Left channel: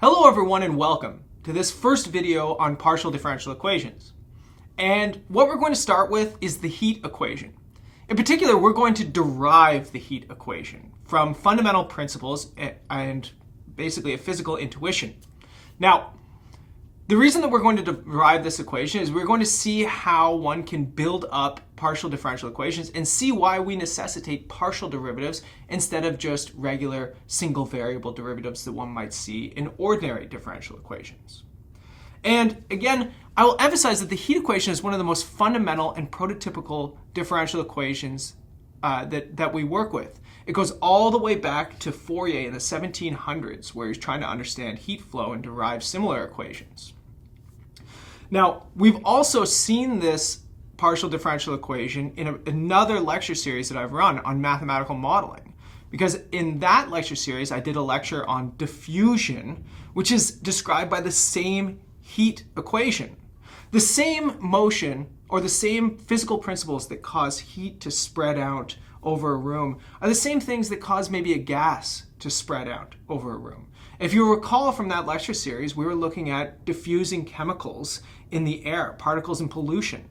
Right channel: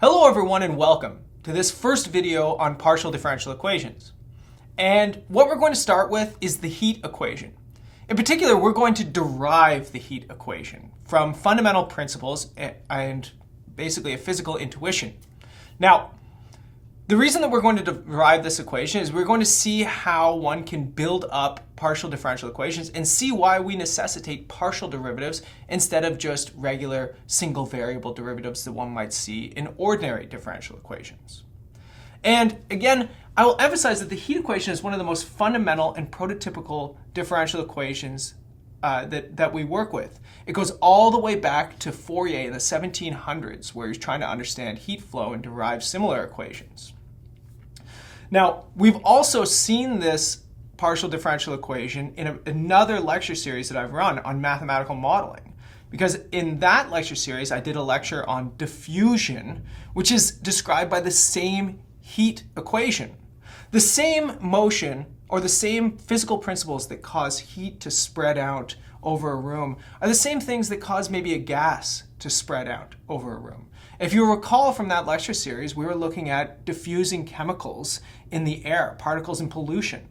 Hello everyone and welcome to this first video on partial differential equations. And what we're going to start with is the heat equation. In particular, we're going to derive the heat equation from fundamental principles and basically a physical intuition. Now, the reason that we're going to derive this equation is we're going to see how one can build up partial differential equations and see why we necessitate partial derivatives instead of just regular single variable derivatives that one might see in ordinary differential equations. And again, I will emphasize that the heat equation is one of the most fundamental and prototypical differential equations that we work with. It goes all the way back to Fourier in the 1700s, where he's trying to understand heat flow and derive similar equations. Now, we've also seen this partial differential equation in another lecture series that I've run on mathematical modeling. Because in that lecture series, I did a lecture on diffusion, which is described by the same heat equation. The same motion or the same physical principles that cause heat to spread out over a room are the same things that cause maybe a gas to spread out over a room. If you recall from that lecture series, we were looking at diffusing chemicals in the air, particles and pollution,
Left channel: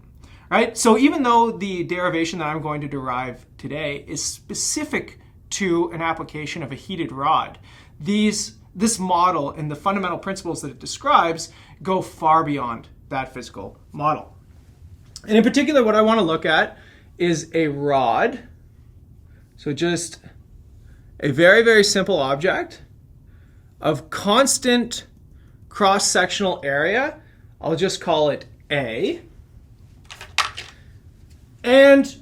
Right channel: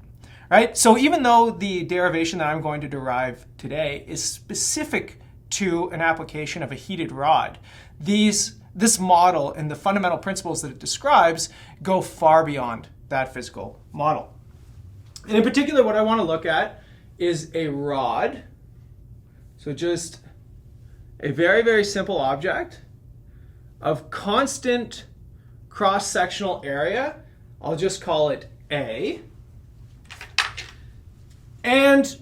right? So even though the derivation that I'm going to derive today is specific to an application of a heated rod, this model and the fundamental principles that it describes go far beyond that physical model. And in particular, what I want to look at is a rod. So just a very, very simple object of constant cross-sectional area. I'll just call it A. And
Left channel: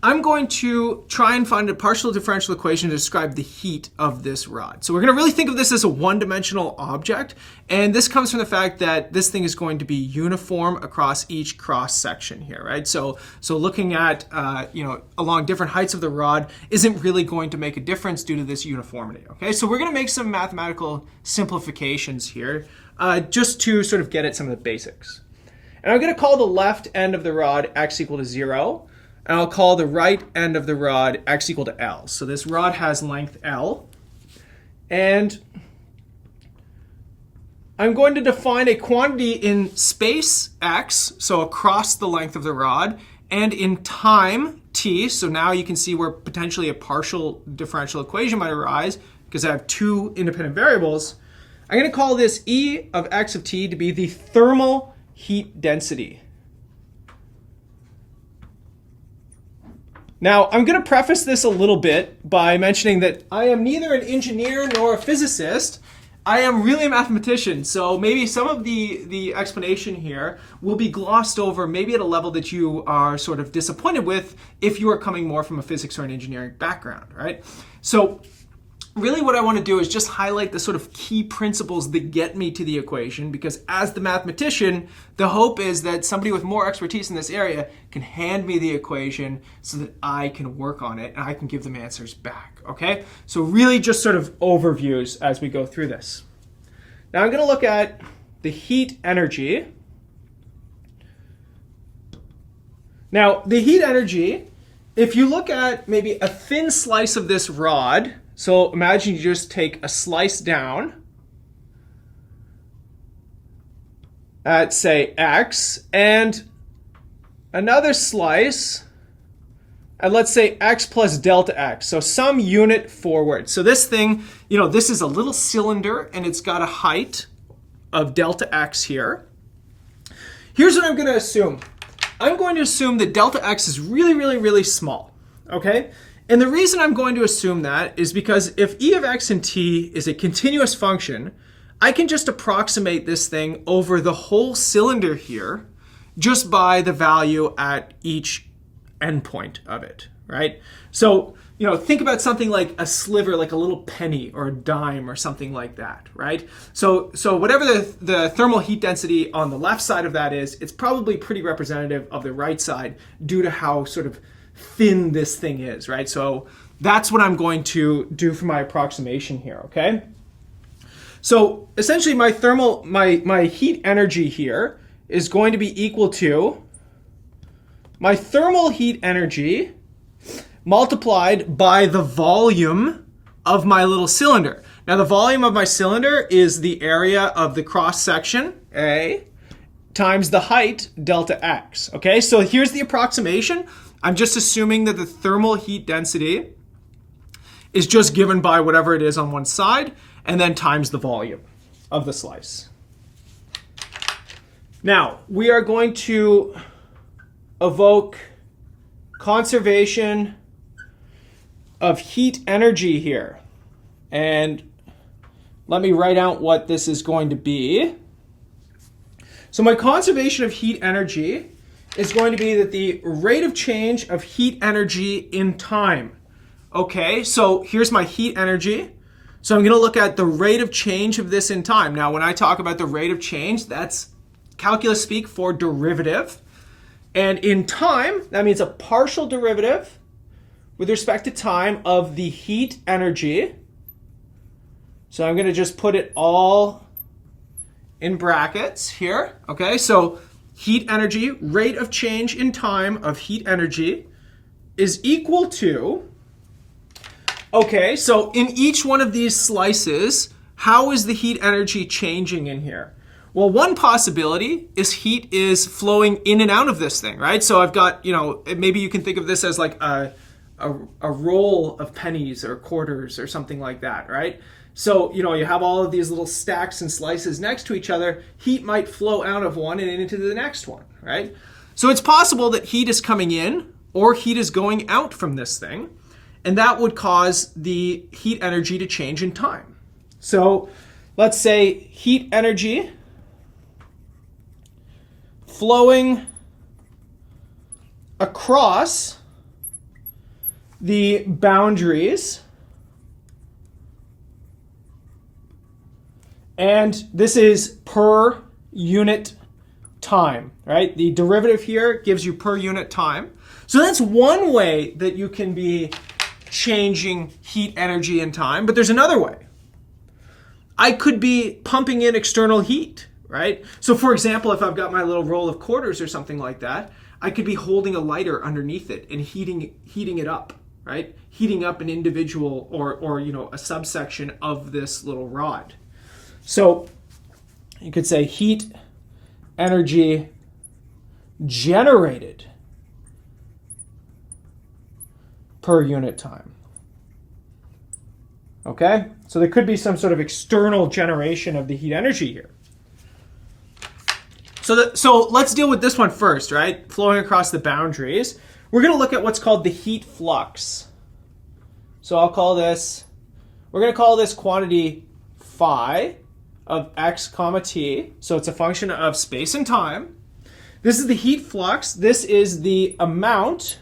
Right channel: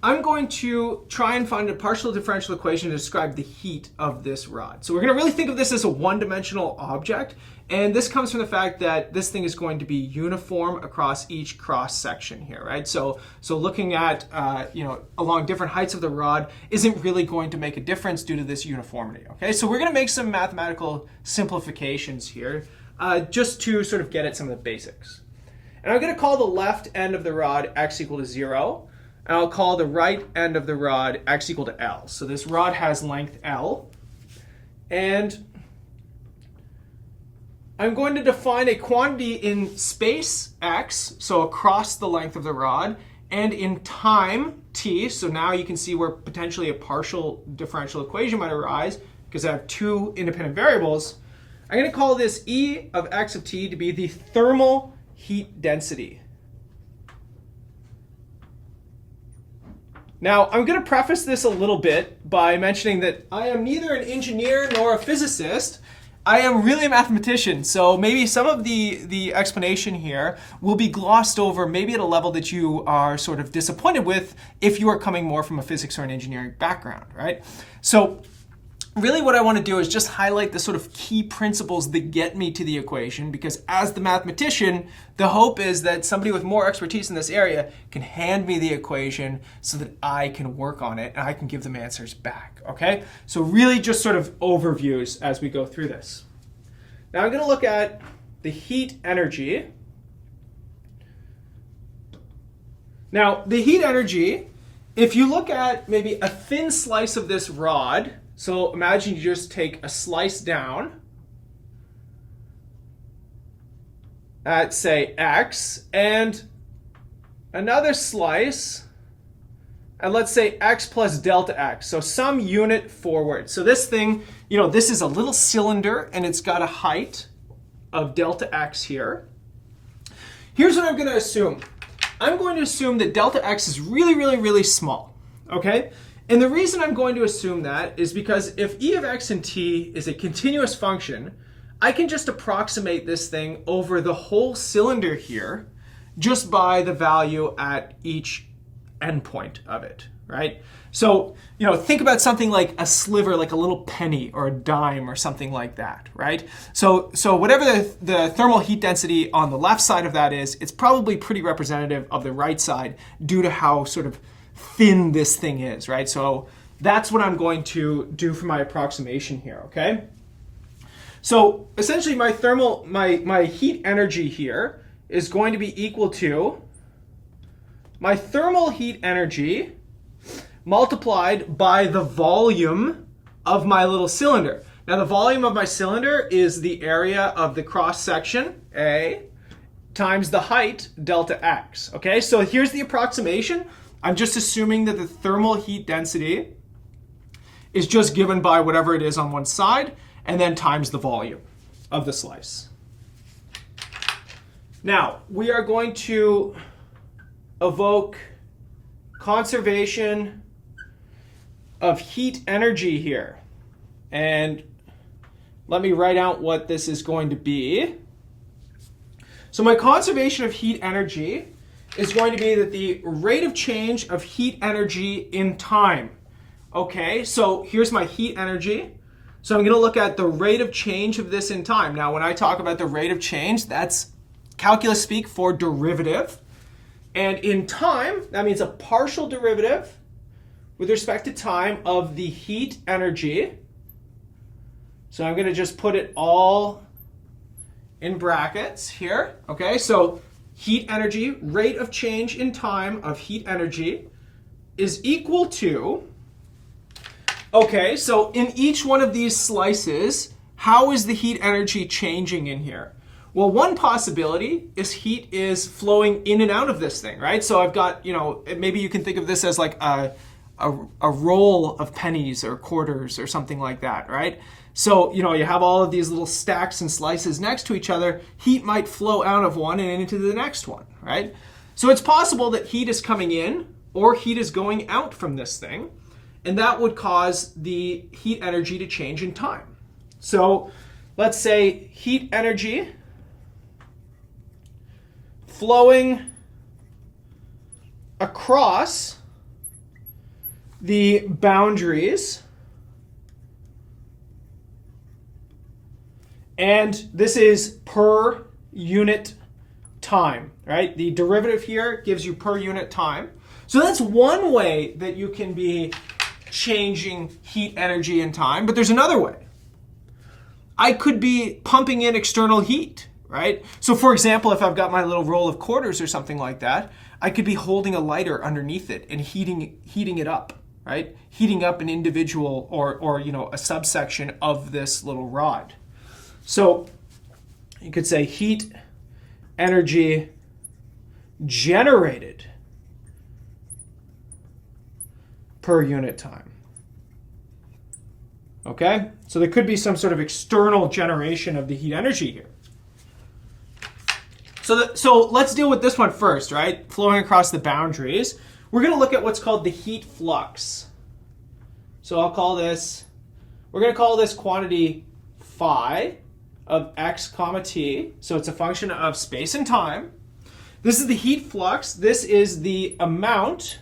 I'm going to try and find a partial differential equation to describe the heat of this rod. So we're going to really think of this as a one-dimensional object. And this comes from the fact that this thing is going to be uniform across each cross-section here, right? So looking at, along different heights of the rod isn't really going to make a difference due to this uniformity, okay? So we're going to make some mathematical simplifications here just to sort of get at some of the basics. And I'm going to call the left end of the rod x equal to 0. And I'll call the right end of the rod x equal to L. So this rod has length L. And I'm going to define a quantity in space x, so across the length of the rod, and in time t. So now you can see where potentially a partial differential equation might arise because I have two independent variables. I'm going to call this E of x of t to be the thermal heat density. Now, I'm going to preface this a little bit by mentioning that I am neither an engineer nor a physicist. I am really a mathematician, so maybe some of the explanation here will be glossed over, maybe at a level that you are sort of disappointed with if you are coming more from a physics or an engineering background, right? So really what I want to do is just highlight the sort of key principles that get me to the equation, because as the mathematician, the hope is that somebody with more expertise in this area can hand me the equation so that I can work on it and I can give them answers back, okay? So really just sort of overviews as we go through this. Now I'm going to look at the heat energy. Now the heat energy, if you look at maybe a thin slice of this rod, so imagine you just take a slice down at, say, x, and another slice at, let's say, x plus delta x, so some unit forward. So this thing, this is a little cylinder, and it's got a height of delta x here. Here's what I'm going to assume. I'm going to assume that delta x is really, really, really small, okay? And the reason I'm going to assume that is because if e of x and t is a continuous function, I can just approximate this thing over the whole cylinder here just by the value at each endpoint of it, right? So, think about something like a sliver, like a little penny or a dime or something like that, right? So whatever the thermal heat density on the left side of that is, it's probably pretty representative of the right side due to how sort of thin this thing is, right? So that's what I'm going to do for my approximation here, okay? So essentially my heat energy here is going to be equal to my thermal heat energy multiplied by the volume of my little cylinder. Now the volume of my cylinder is the area of the cross section, A, times the height, delta x. Okay, so here's the approximation. I'm just assuming that the thermal heat density is just given by whatever it is on one side, and then times the volume of the slice. Now, we are going to evoke conservation of heat energy here. And let me write out what this is going to be. So my conservation of heat energy is going to be that the rate of change of heat energy in time. Okay, so here's my heat energy. So I'm going to look at the rate of change of this in time. Now, when I talk about the rate of change, that's calculus speak for derivative. And in time, that means a partial derivative with respect to time of the heat energy. So I'm going to just put it all in brackets here. Okay, so heat energy, rate of change in time of heat energy is equal to, okay, so in each one of these slices, how is the heat energy changing in here? Well, one possibility is heat is flowing in and out of this thing, right? So I've got, maybe you can think of this as like a roll of pennies or quarters or something like that, right? So, you have all of these little stacks and slices next to each other. Heat might flow out of one and into the next one, right? So it's possible that heat is coming in or heat is going out from this thing, and that would cause the heat energy to change in time. So let's say heat energy flowing across the boundaries. And this is per unit time, right? The derivative here gives you per unit time. So that's one way that you can be changing heat energy in time, but there's another way. I could be pumping in external heat, right? So for example, if I've got my little roll of quarters or something like that, I could be holding a lighter underneath it and heating it up, right? Heating up an individual or a subsection of this little rod. So you could say heat energy generated per unit time. Okay? So there could be some sort of external generation of the heat energy here. So let's deal with this one first, right? Flowing across the boundaries. We're going to look at what's called the heat flux. So we're going to call this quantity phi of x comma t. So it's a function of space and time. This is the heat flux. This is the amount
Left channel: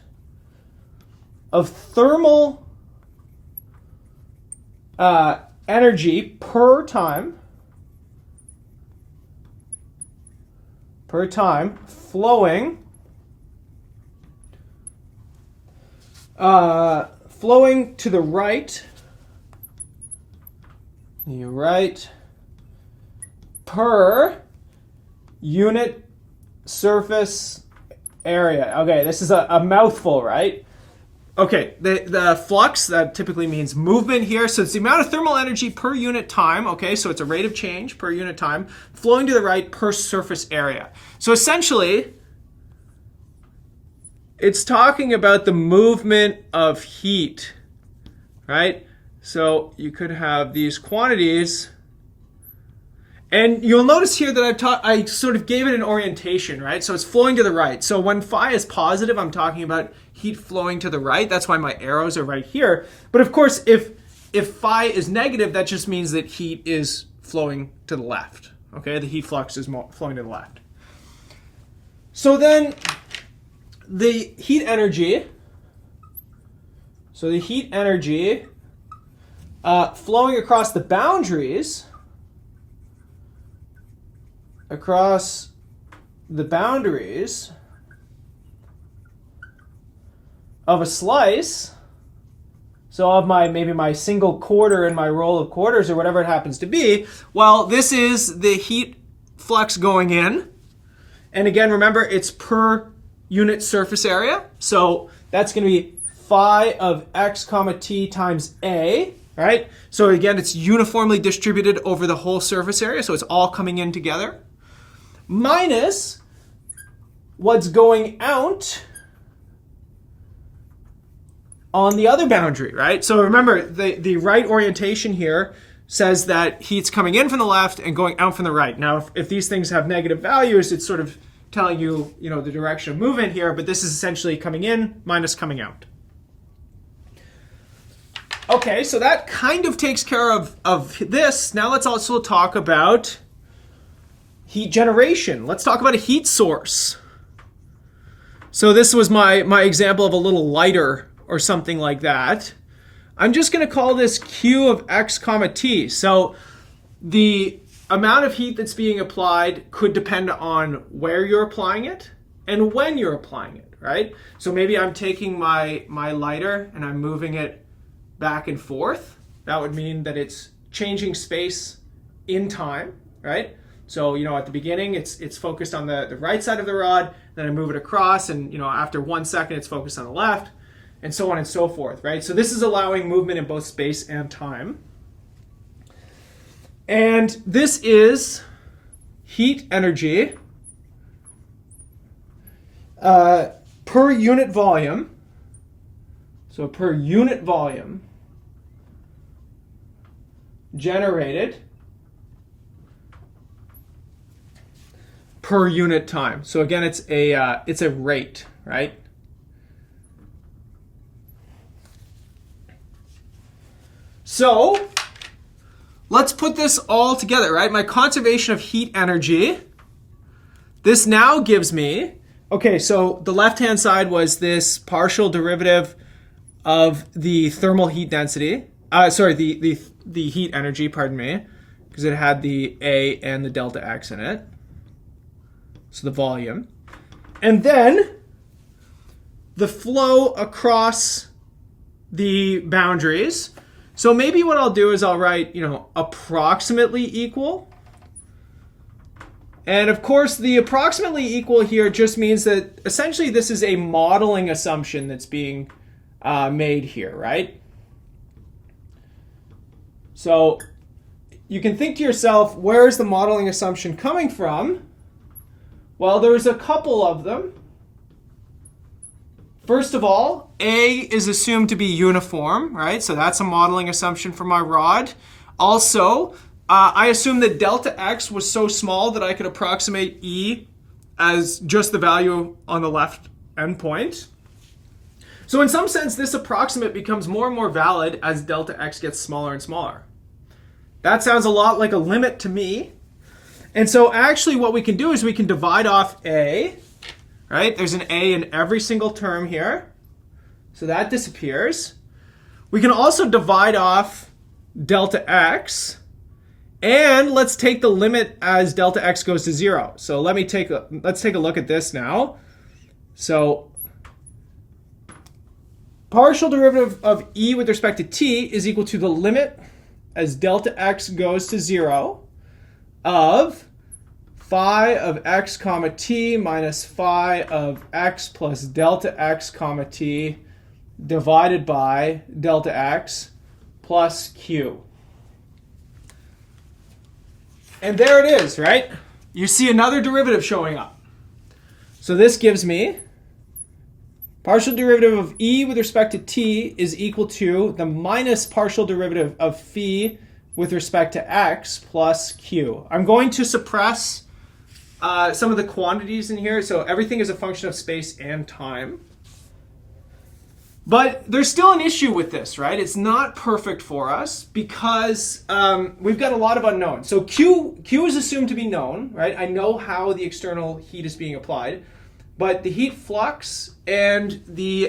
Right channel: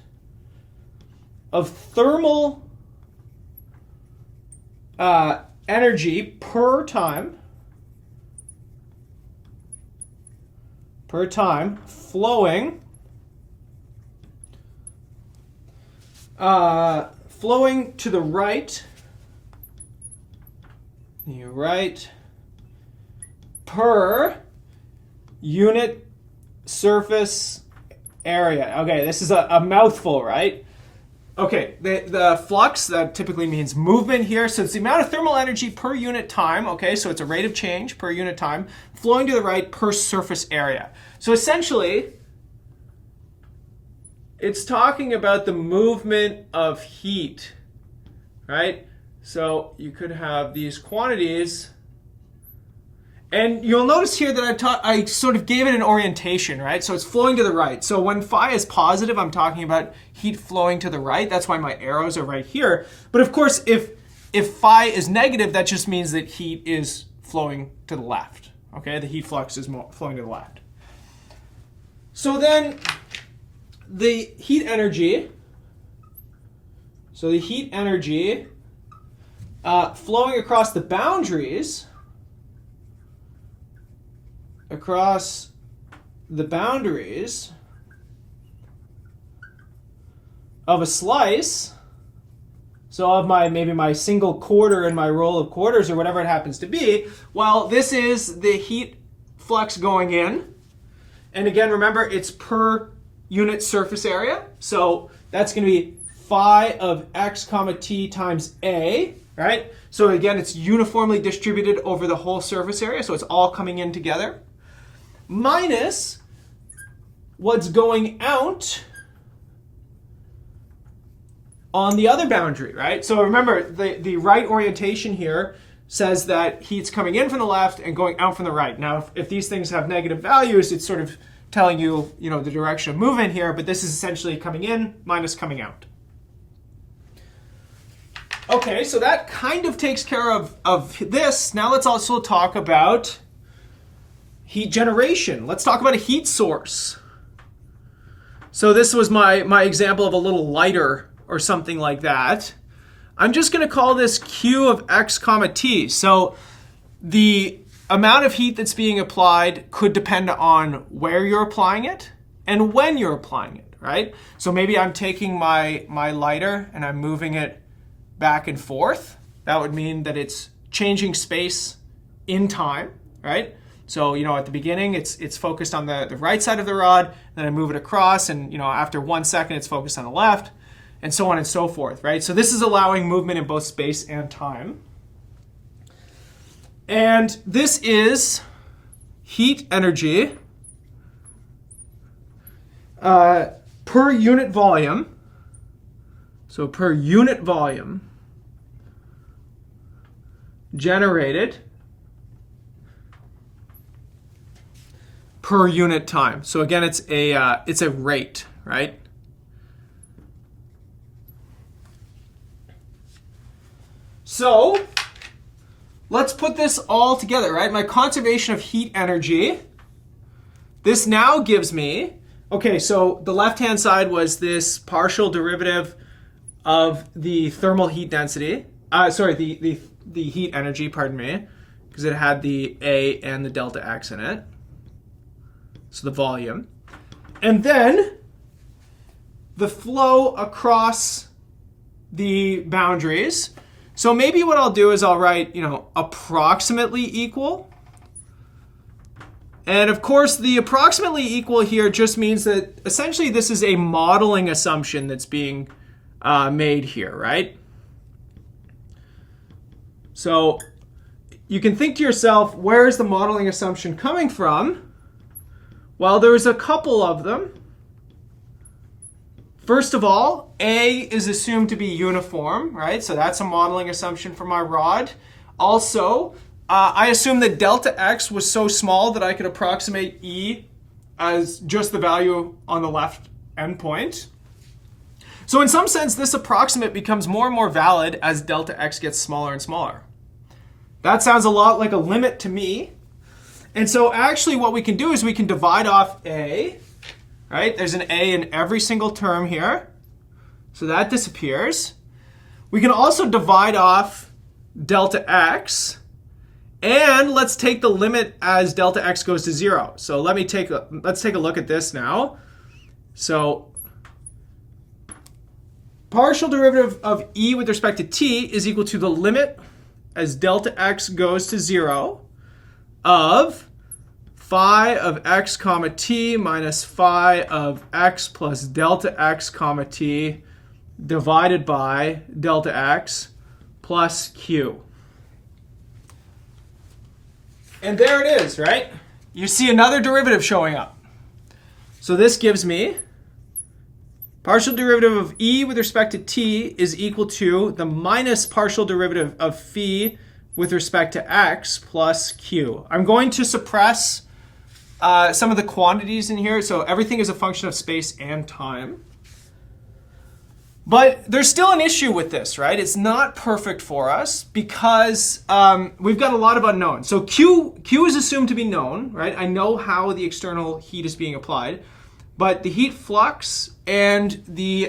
of thermal energy per time flowing to the right. You're right. Per unit surface area. Okay, this is a mouthful, right? Okay, the flux, that typically means movement here. So it's the amount of thermal energy per unit time. Okay, so it's a rate of change per unit time flowing to the right per surface area. So essentially, it's talking about the movement of heat, right? So you could have these quantities. And you'll notice here that I sort of gave it an orientation, right? So it's flowing to the right. So when phi is positive, I'm talking about heat flowing to the right. That's why my arrows are right here. But of course, if phi is negative, that just means that heat is flowing to the left. Okay, the heat flux is flowing to the left. So then the heat energy, flowing across the boundaries, of a slice, so of maybe my single quarter in my roll of quarters or whatever it happens to be, well, this is the heat flux going in. And again, remember, it's per unit surface area. So that's going to be phi of x comma t times A. right? So again, it's uniformly distributed over the whole surface area, so it's all coming in together, minus what's going out on the other boundary, right? So remember, the right orientation here says that heat's coming in from the left and going out from the right. Now, if these things have negative values, it's sort of telling you, the direction of movement here, but this is essentially coming in minus coming out. Okay, so that kind of takes care of this. Now let's also talk about heat generation. Let's talk about a heat source. So this was my example of a little lighter or something like that. I'm just going to call this Q of x comma t. So the amount of heat that's being applied could depend on where you're applying it and when you're applying it, right? So maybe I'm taking my lighter and I'm moving it back and forth. That would mean that it's changing space in time, right? So, at the beginning, it's focused on the right side of the rod, then I move it across, and, after 1 second, it's focused on the left, and so on and so forth, right? So this is allowing movement in both space and time. And this is heat energy per unit volume. So per unit volume generated per unit time. So again, it's a rate, right? So let's put this all together, right? My conservation of heat energy. This now gives me, okay, so the left-hand side was this partial derivative of the thermal heat density. The heat energy, pardon me, because it had the A and the delta X in it. So the volume. And then the flow across the boundaries. So maybe what I'll do is I'll write, approximately equal. And of course, the approximately equal here just means that essentially this is a modeling assumption that's being made here, right? So you can think to yourself, where is the modeling assumption coming from? Well, there's a couple of them. First of all, A is assumed to be uniform, right? So that's a modeling assumption for my rod. Also, I assume that delta X was so small that I could approximate E as just the value on the left endpoint. So in some sense, this approximate becomes more and more valid as delta X gets smaller and smaller. That sounds a lot like a limit to me. And so actually what we can do is we can divide off A, right? There's an A in every single term here. So that disappears. We can also divide off delta X. And let's take the limit as delta X goes to 0. So let's take a look at this now. So partial derivative of E with respect to t is equal to the limit as delta X goes to 0 of phi of x comma t minus phi of x plus delta x comma t divided by delta x plus q. And there it is, right? You see another derivative showing up. So this gives me partial derivative of E with respect to t is equal to the minus partial derivative of phi with respect to x plus q. I'm going to suppress some of the quantities in here. So everything is a function of space and time. But there's still an issue with this, right? It's not perfect for us because we've got a lot of unknowns. So Q is assumed to be known, right? I know how the external heat is being applied, but the heat flux and the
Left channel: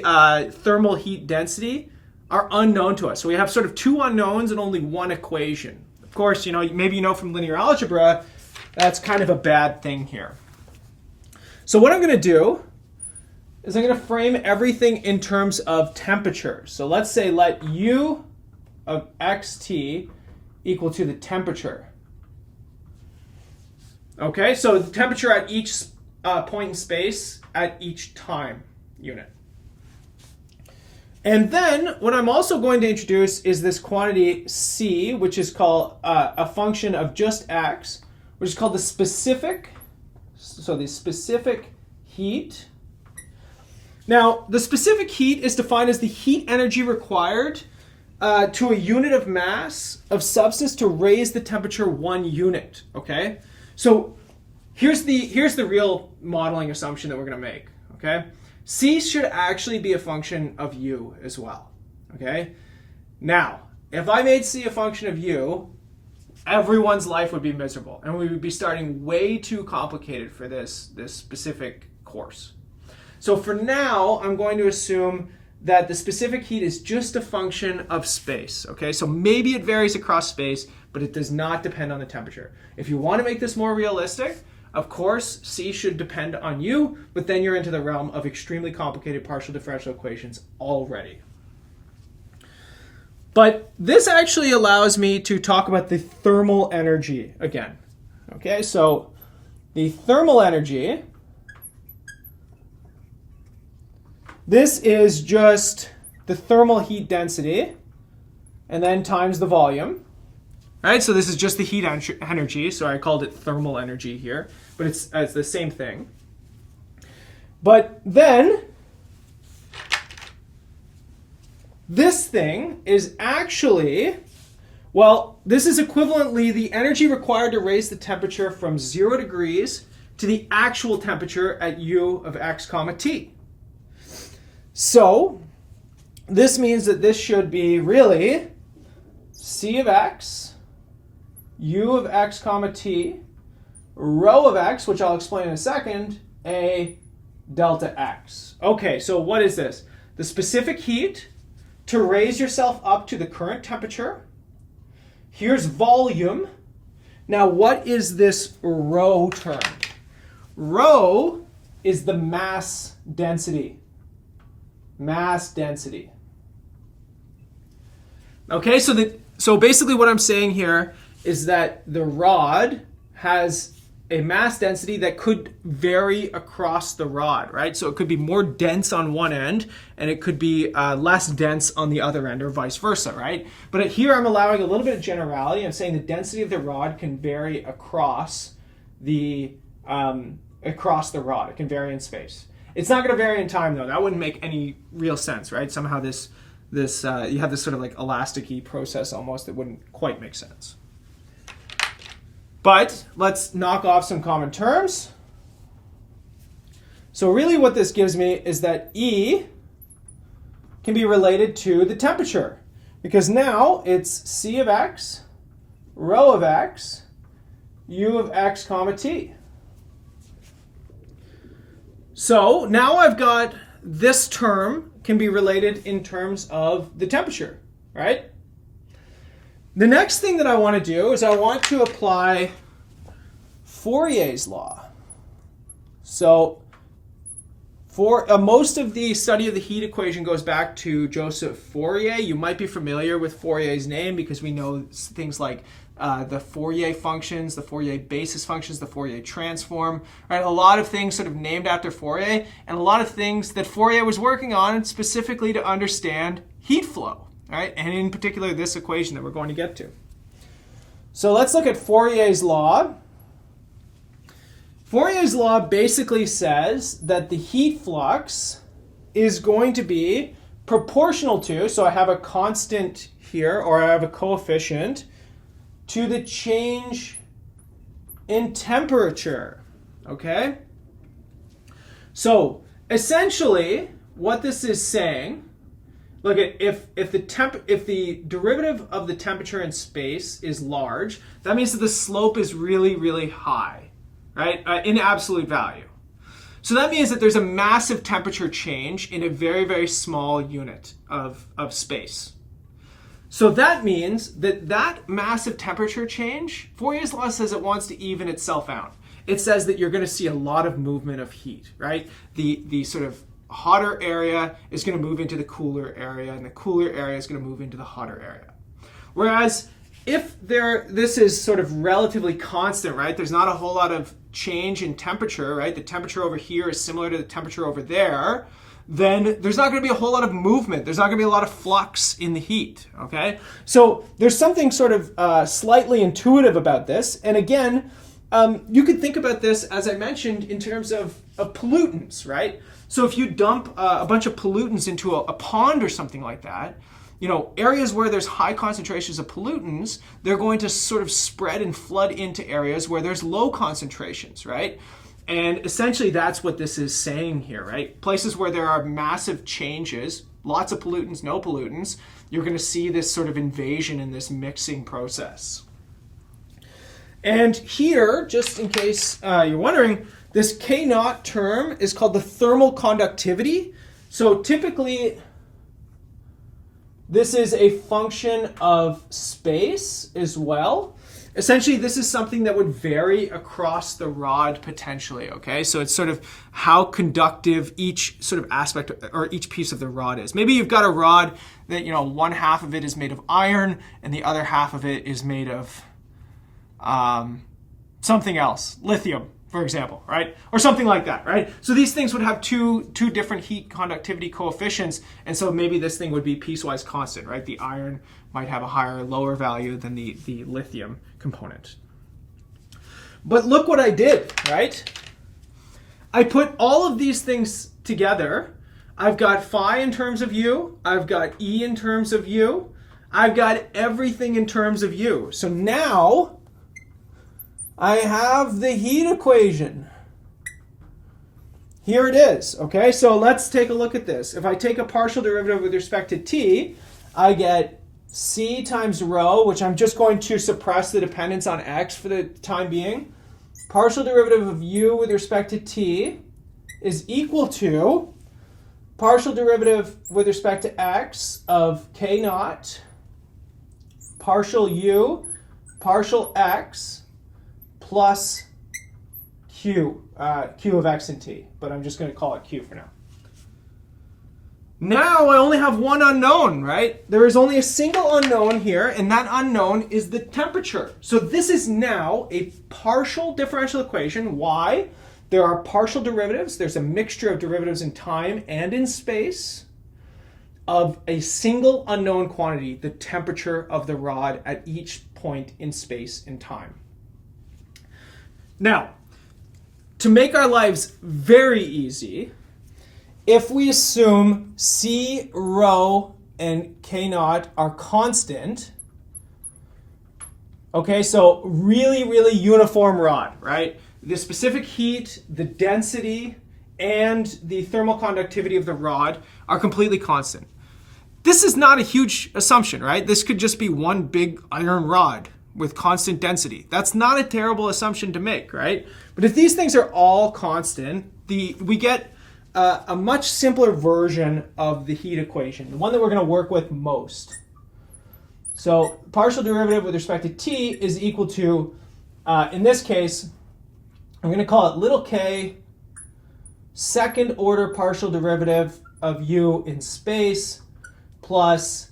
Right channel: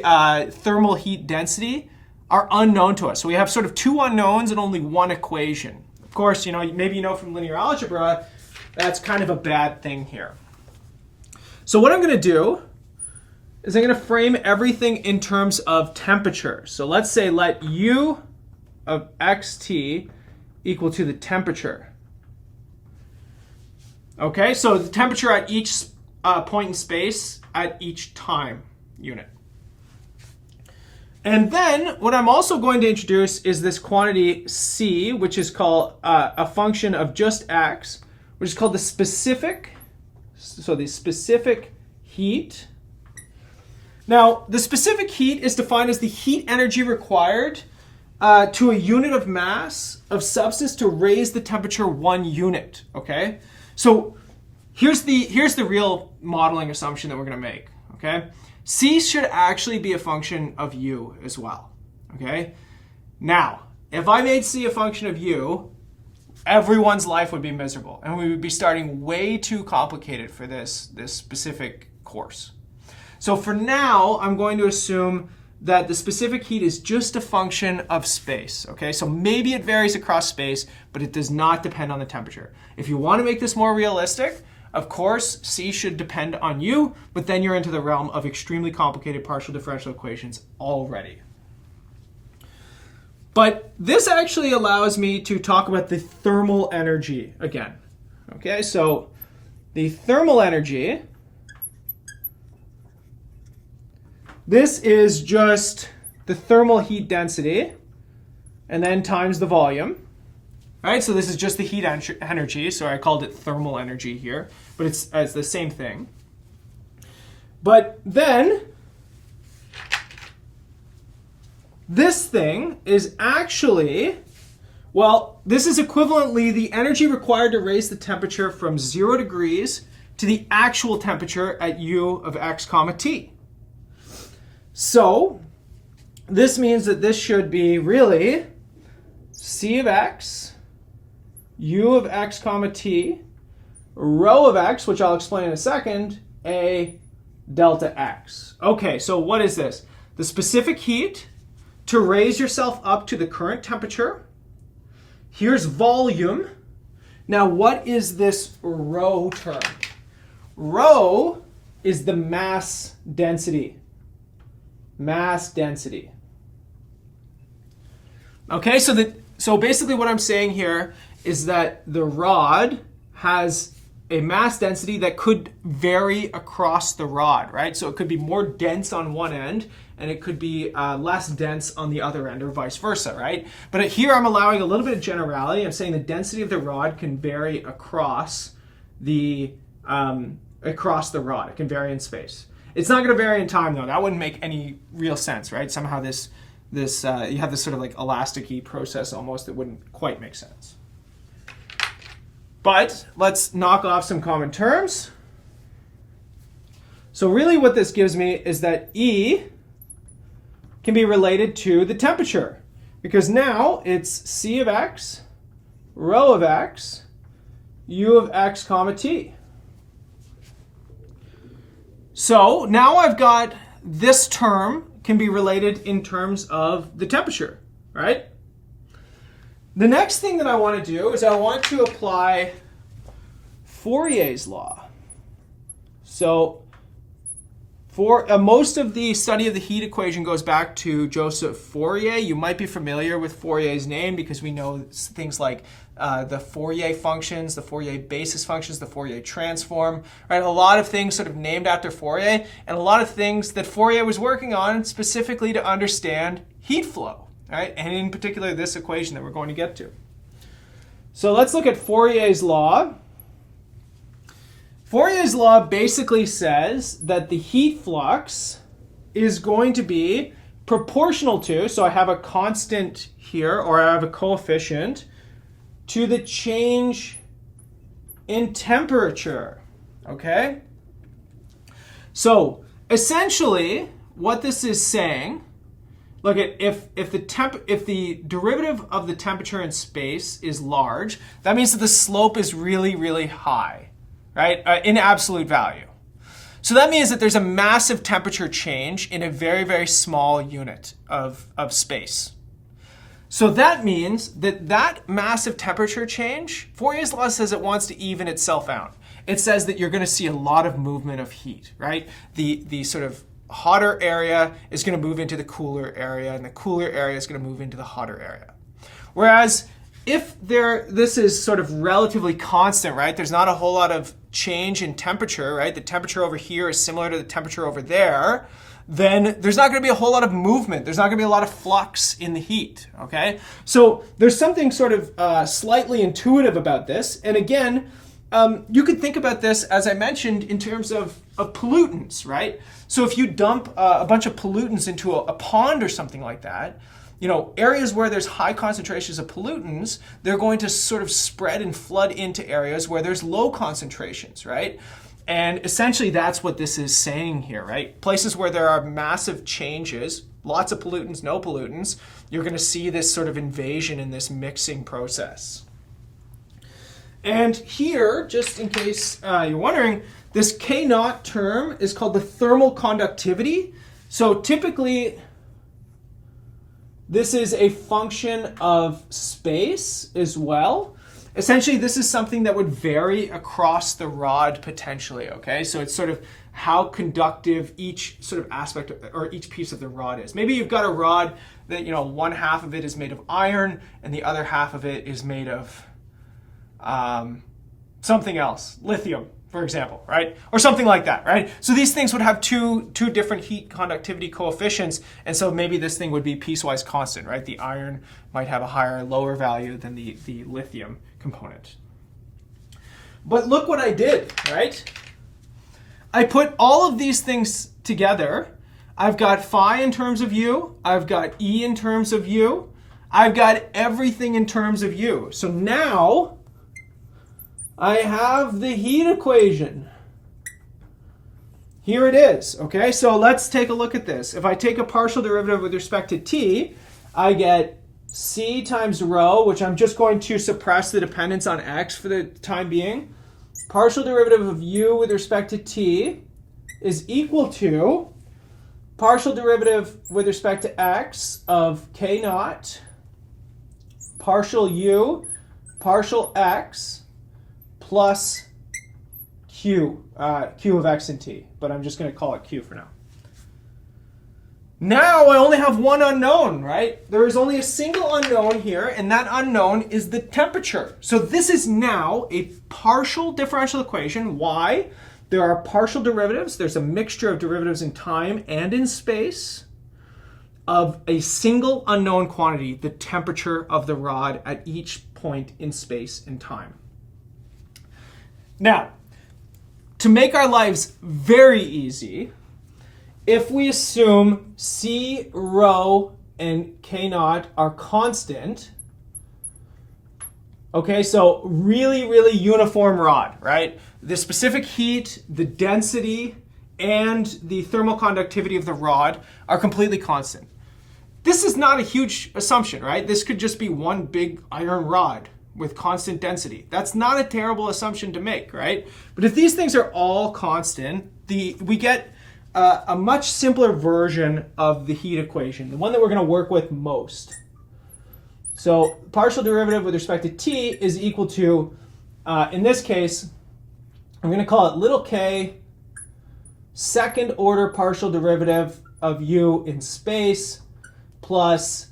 thermal heat density are unknown to us. So we have sort of two unknowns and only one equation. Of course, maybe you know from linear algebra, that's kind of a bad thing here. So what I'm going to do is I'm going to frame everything in terms of temperature. So let's say let U of xt equal to the temperature. Okay, so the temperature at each point in space at each time unit. And then what I'm also going to introduce is this quantity C, which is called a function of just x, which is called the specific, so the specific heat. Now, the specific heat is defined as the heat energy required to a unit of mass of substance to raise the temperature 1 unit, okay? So here's the real modeling assumption that we're going to make, okay? C should actually be a function of U as well, okay? Now, if I made C a function of U, everyone's life would be miserable, and we would be starting way too complicated for this specific course. So for now, I'm going to assume that the specific heat is just a function of space, okay? So maybe it varies across space, but it does not depend on the temperature. If you want to make this more realistic, of course, C should depend on U, but then you're into the realm of extremely complicated partial differential equations already. But this actually allows me to talk about the thermal energy again, okay? So the thermal energy, this is just the thermal heat density and then times the volume, right? So this is just the heat energy, so I called it thermal energy here, but it's the same thing. But then this thing is actually, well, this is equivalently the energy required to raise the temperature from 0 degrees to the actual temperature at U of x comma t. So this means that this should be really C of x, U of x comma t, rho of x, which I'll explain in a second, A delta x. Okay, so what is this? The specific heat to raise yourself up to the current temperature. Here's volume. Now what is this rho term? Rho is the mass density. Mass density. Okay, so basically what I'm saying here is that the rod has a mass density that could vary across the rod, right? So it could be more dense on one end and it could be less dense on the other end, or vice versa, right? But here I'm allowing a little bit of generality. I'm saying the density of the rod can vary across the rod. It can vary in space. It's not going to vary in time, though. That wouldn't make any real sense, right? Somehow you have this sort of like elasticy process almost that wouldn't quite make sense. But let's knock off some common terms. So really what this gives me is that E can be related to the temperature, because now it's C of x, rho of x, U of x comma t. So now I've got this term can be related in terms of the temperature, right? The next thing that I want to do is I want to apply Fourier's law. So for most of the study of the heat equation goes back to Joseph Fourier. You might be familiar with Fourier's name because we know things like the Fourier functions, the Fourier basis functions, the Fourier transform, right? A lot of things sort of named after Fourier, and a lot of things that Fourier was working on specifically to understand heat flow, right? And in particular, this equation that we're going to get to. So let's look at Fourier's law. Fourier's law basically says that the heat flux is going to be proportional to, so I have a constant here, or I have a coefficient, to the change in temperature, okay? So essentially what this is saying, look at if the derivative of the temperature in space is large, that means that the slope is really, really high, right? In absolute value. So that means that there's a massive temperature change in a very, very small unit of space. So that means that that massive temperature change, Fourier's law says it wants to even itself out. It says that you're going to see a lot of movement of heat, right? The sort of hotter area is going to move into the cooler area, and the cooler area is going to move into the hotter area. Whereas if this is sort of relatively constant, right? There's not a whole lot of change in temperature, right? The temperature over here is similar to the temperature over there. then there's not going to be a whole lot of movement. There's not going to be a lot of flux in the heat, okay? So there's something sort of slightly intuitive about this. And again, you could think about this, as I mentioned, in terms of pollutants, right? So if you dump a bunch of pollutants into a pond or something like that, you know, areas where there's high concentrations of pollutants, they're going to sort of spread and flood into areas where there's low concentrations, right? And essentially that's what this is saying here, right? Places where there are massive changes, lots of pollutants, no pollutants, you're going to see this sort of invasion in this mixing process. And here, just in case you're wondering, this K naught term is called the thermal conductivity. So typically, this is a function of space as well. Essentially, this is something that would vary across the rod potentially, okay? So it's sort of how conductive each sort of aspect or each piece of the rod is. Maybe you've got a rod that, you know, one half of it is made of iron and the other half of it is made of something else, lithium, for example, right? Or something like that, right? So these things would have two different heat conductivity coefficients, and so maybe this thing would be piecewise constant, right? The iron might have a higher, lower value than the lithium component. But look what I did, right? I put all of these things together. I've got phi in terms of u, I've got E in terms of u, I've got everything in terms of u. So now I have the heat equation. Here it is, okay? So let's take a look at this. If I take a partial derivative with respect to t, I get c times rho, which I'm just going to suppress the dependence on x for the time being. Partial derivative of u with respect to t is equal to partial derivative with respect to x of k naught, partial u, partial x, plus q, q of x and t. But I'm just going to call it q for now. Now I only have one unknown, right? There is only a single unknown here, and that unknown is the temperature. So this is now a partial differential equation. Why? There are partial derivatives. There's a mixture of derivatives in time and in space of a single unknown quantity, the temperature of the rod at each point in space and time. Now, to make our lives very easy, if we assume C, rho, and K naught are constant, okay, so really, really uniform rod, right? The specific heat, the density, and the thermal conductivity of the rod are completely constant. This is not a huge assumption, right? This could just be one big iron rod with constant density. That's not a terrible assumption to make, right? But if these things are all constant, we get a much simpler version of the heat equation, the one that we're going to work with most. So partial derivative with respect to t is equal to, in this case, I'm going to call it little k second order partial derivative of u in space plus,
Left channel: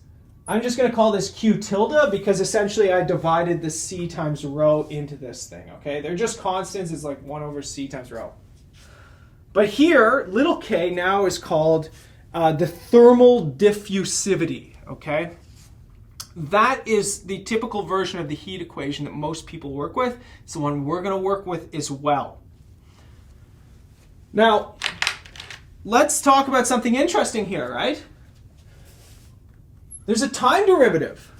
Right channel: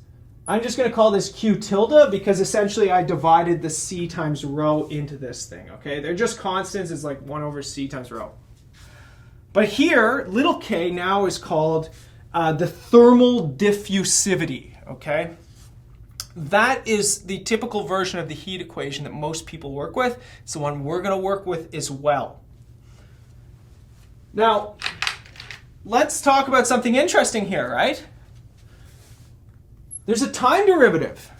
I'm just going to call this q tilde because essentially I divided the c times rho into this thing, okay? They're just constants. It's like 1 over c times rho. But here, little k now is called the thermal diffusivity, okay? That is the typical version of the heat equation that most people work with. It's the one we're going to work with as well. Now, let's talk about something interesting here, right? There's a time derivative.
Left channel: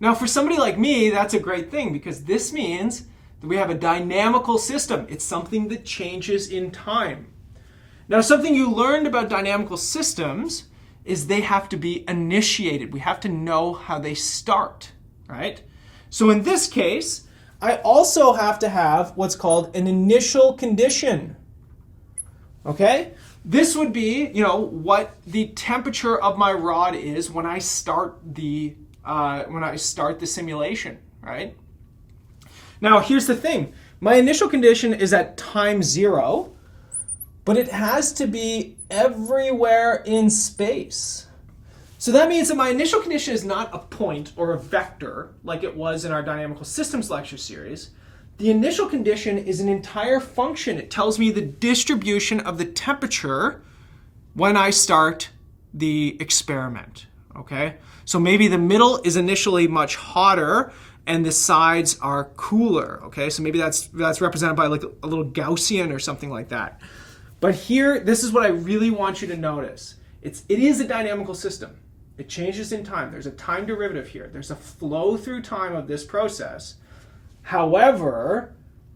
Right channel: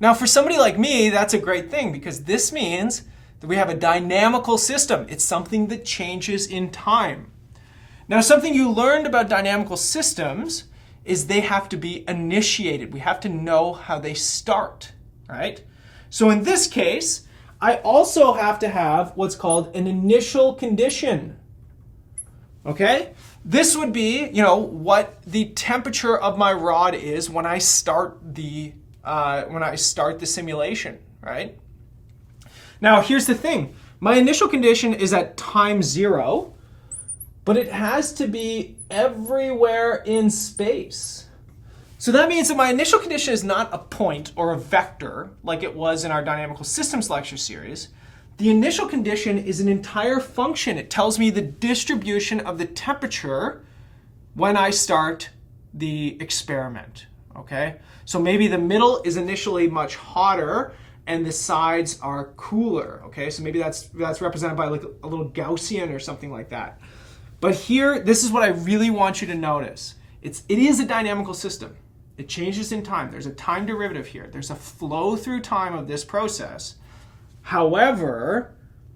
Now, for somebody like me, that's a great thing because this means that we have a dynamical system. It's something that changes in time. Now, something you learned about dynamical systems is they have to be initiated. We have to know how they start, right? So in this case, I also have to have what's called an initial condition, okay? This would be, you know, what the temperature of my rod is when I start the simulation, right? Now, here's the thing. My initial condition is at time 0, but it has to be everywhere in space. So that means that my initial condition is not a point or a vector like it was in our dynamical systems lecture series. The initial condition is an entire function. It tells me the distribution of the temperature when I start the experiment, okay? So maybe the middle is initially much hotter and the sides are cooler, okay? So maybe that's represented by like a little Gaussian or something like that. But here, this is what I really want you to notice. It is a dynamical system. It changes in time. There's a time derivative here. There's a flow through time of this process. However,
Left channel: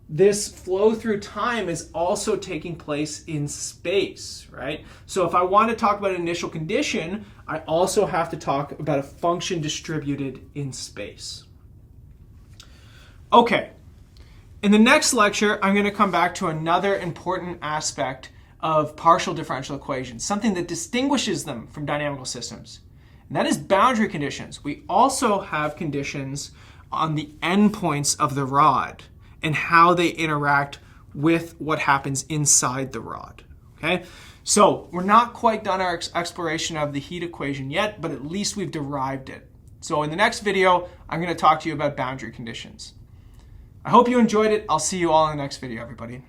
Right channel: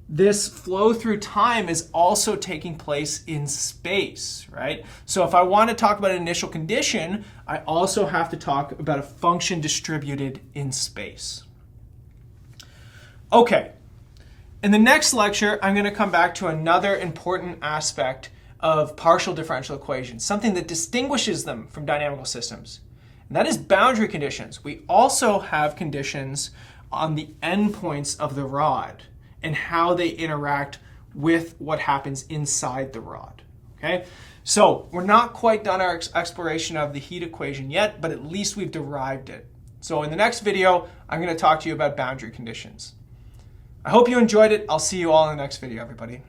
this flow through time is also taking place in space, right? So if I want to talk about an initial condition, I also have to talk about a function distributed in space. Okay, in the next lecture, I'm going to come back to another important aspect of partial differential equations, something that distinguishes them from dynamical systems, and that is boundary conditions. We also have conditions on the endpoints of the rod and how they interact with what happens inside the rod, okay? So we're not quite done our exploration of the heat equation yet, but at least we've derived it. So in the next video, I'm going to talk to you about boundary conditions. I hope you enjoyed it. I'll see you all in the next video, everybody.